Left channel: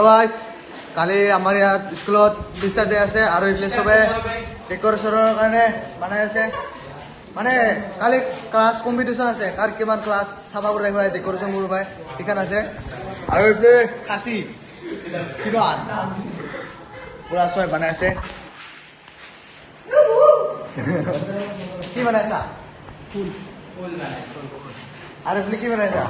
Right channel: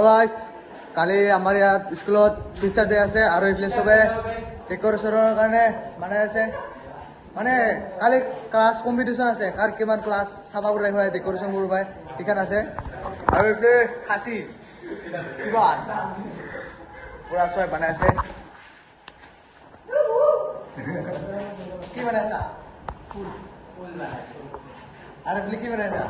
hello guys কালি আমাৰ ইয়াত স্কুলত টিচাৰ ডে আছে আৰু এইফালে সবে ডেকৰেশ্যনৰ কাৰণে বনাই আছে মানে কালি ক্লাছ কম্পিটিশ্যন আছে কাৰ কিমান ক্লাছ চাবা কৰি হয় ডেকৰেশ্যন কৰিব পায় ঠিকান আছে আৰু এইফালে খাসি কিমান পুৰা সবে বনাই আছে কি বনাইছা ফুল আৰু এইফালে কি বনাইছা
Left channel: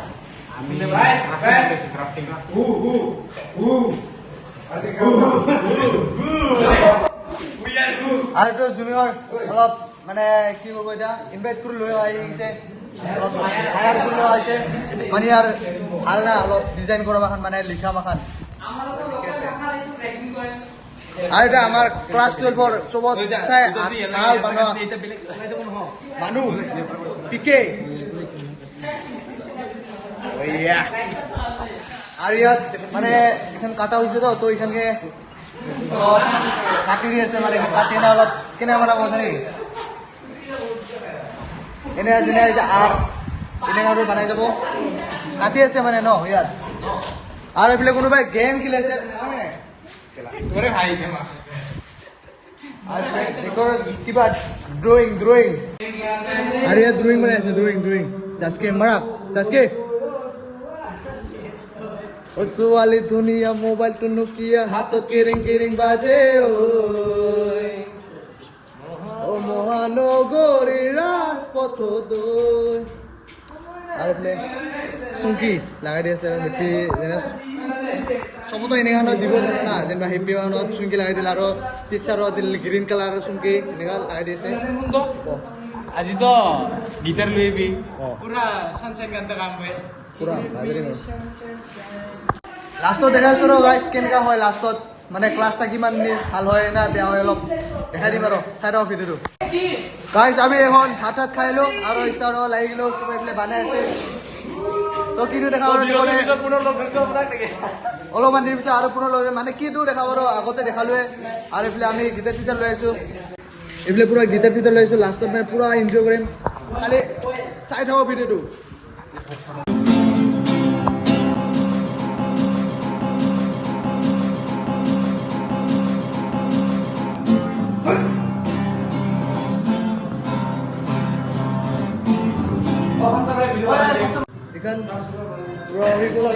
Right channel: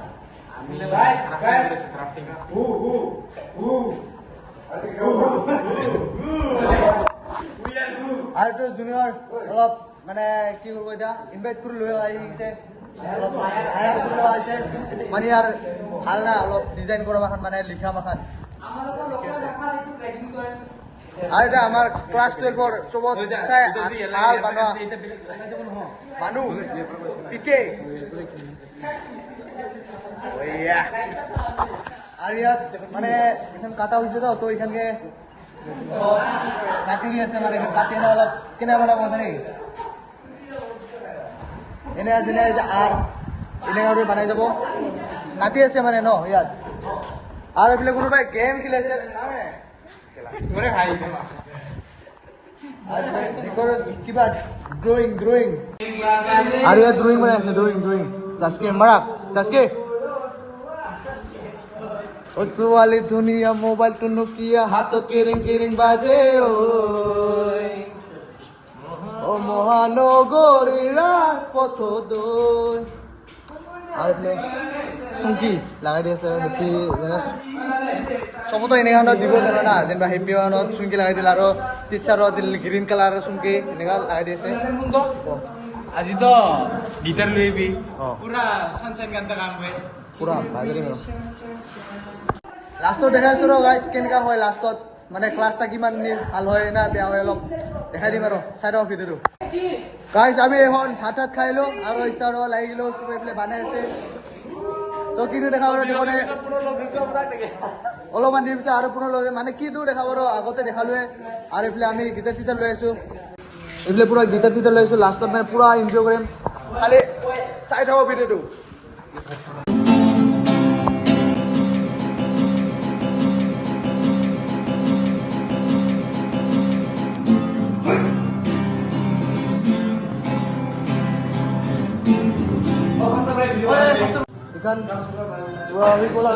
আৰু তো জুনিয়ৰ অলপ মানে কি কৰিব এতিয়া ইনভাইট কৰি লৈ আহিছে হায়াৰ কৰি লোৱা হৈছে মানে ইয়াৰ ভাল না অলপ ডিজাইন কৰা মাখান মানে লিখা মাখান আৰু এটা আমাৰ ক্লাছ 12ৰ চবত চাই ভাল বনোৱা মানুহ পিকে আর ইয়াত মানে এখান কাটা হয়েছে তো এখানে কাটি দিয়েছে মানে কাটি না অলপ কেনে বানাবো জানি এনে আছে না এটা আর এটা আৰু বানাই যাব কাটি আছে মানে ন ইয়াত আৰু এইফালে কোনোবাই গেম খেলাইছে কিবা ড্ৰয়িং আৰু ইয়াত ড্ৰয়িং বনাইছে ড্ৰয়িং চাচকে মাৰা চাচকে ओ सुवाली दुनिया मोबाइल टू नोकिया हाथों किरिंग बाजे ओ महानगरी राजपथ दई आरे सुंकी लागाই দি আছে হেপি যেনে সবতো এনেগানো দিব জানো না যেনবা হেপি ওয়ানত সুংকি লাগাই দিল আৰু টিচারও দিল গ্রিন কালার সুংকি এনেগা লাগাই দি আছে আজি তো গিটার লইবি পুরা সানসাইন গানটা গামবে পুরা বাজারে লাষ্টত দেখাইছো ৰ গাইস কেনেকা হয় লাষ্টত মানে ক্লাছটা কিমান ভাল হয় না বেয়া হয় অলপ দেখাই দিম আৰু চাই দাও ভিডিঅ'টো গাইস আমি এখন ভাত খাইলো আৰু ষ্টাৰ্ট হ'ব লাগিলো সব এইফালে বানাই আছে তো কিনো দেখাব অলপমান দিৰ পিছত আৰু পুনৰ লৈ মানে কিটো দেখাব আৰু আগতে দেখালোৱে আৰু এইফালে আমি গিটাৰ লৈ আহিছো এইফালে পুৰা গিটাৰ লৈ আহিছো লাষ্টত মানে পুৰা এনজয় কৰিম খালি চাই থাকো ভিডিঅ'টো ikan Rawi pula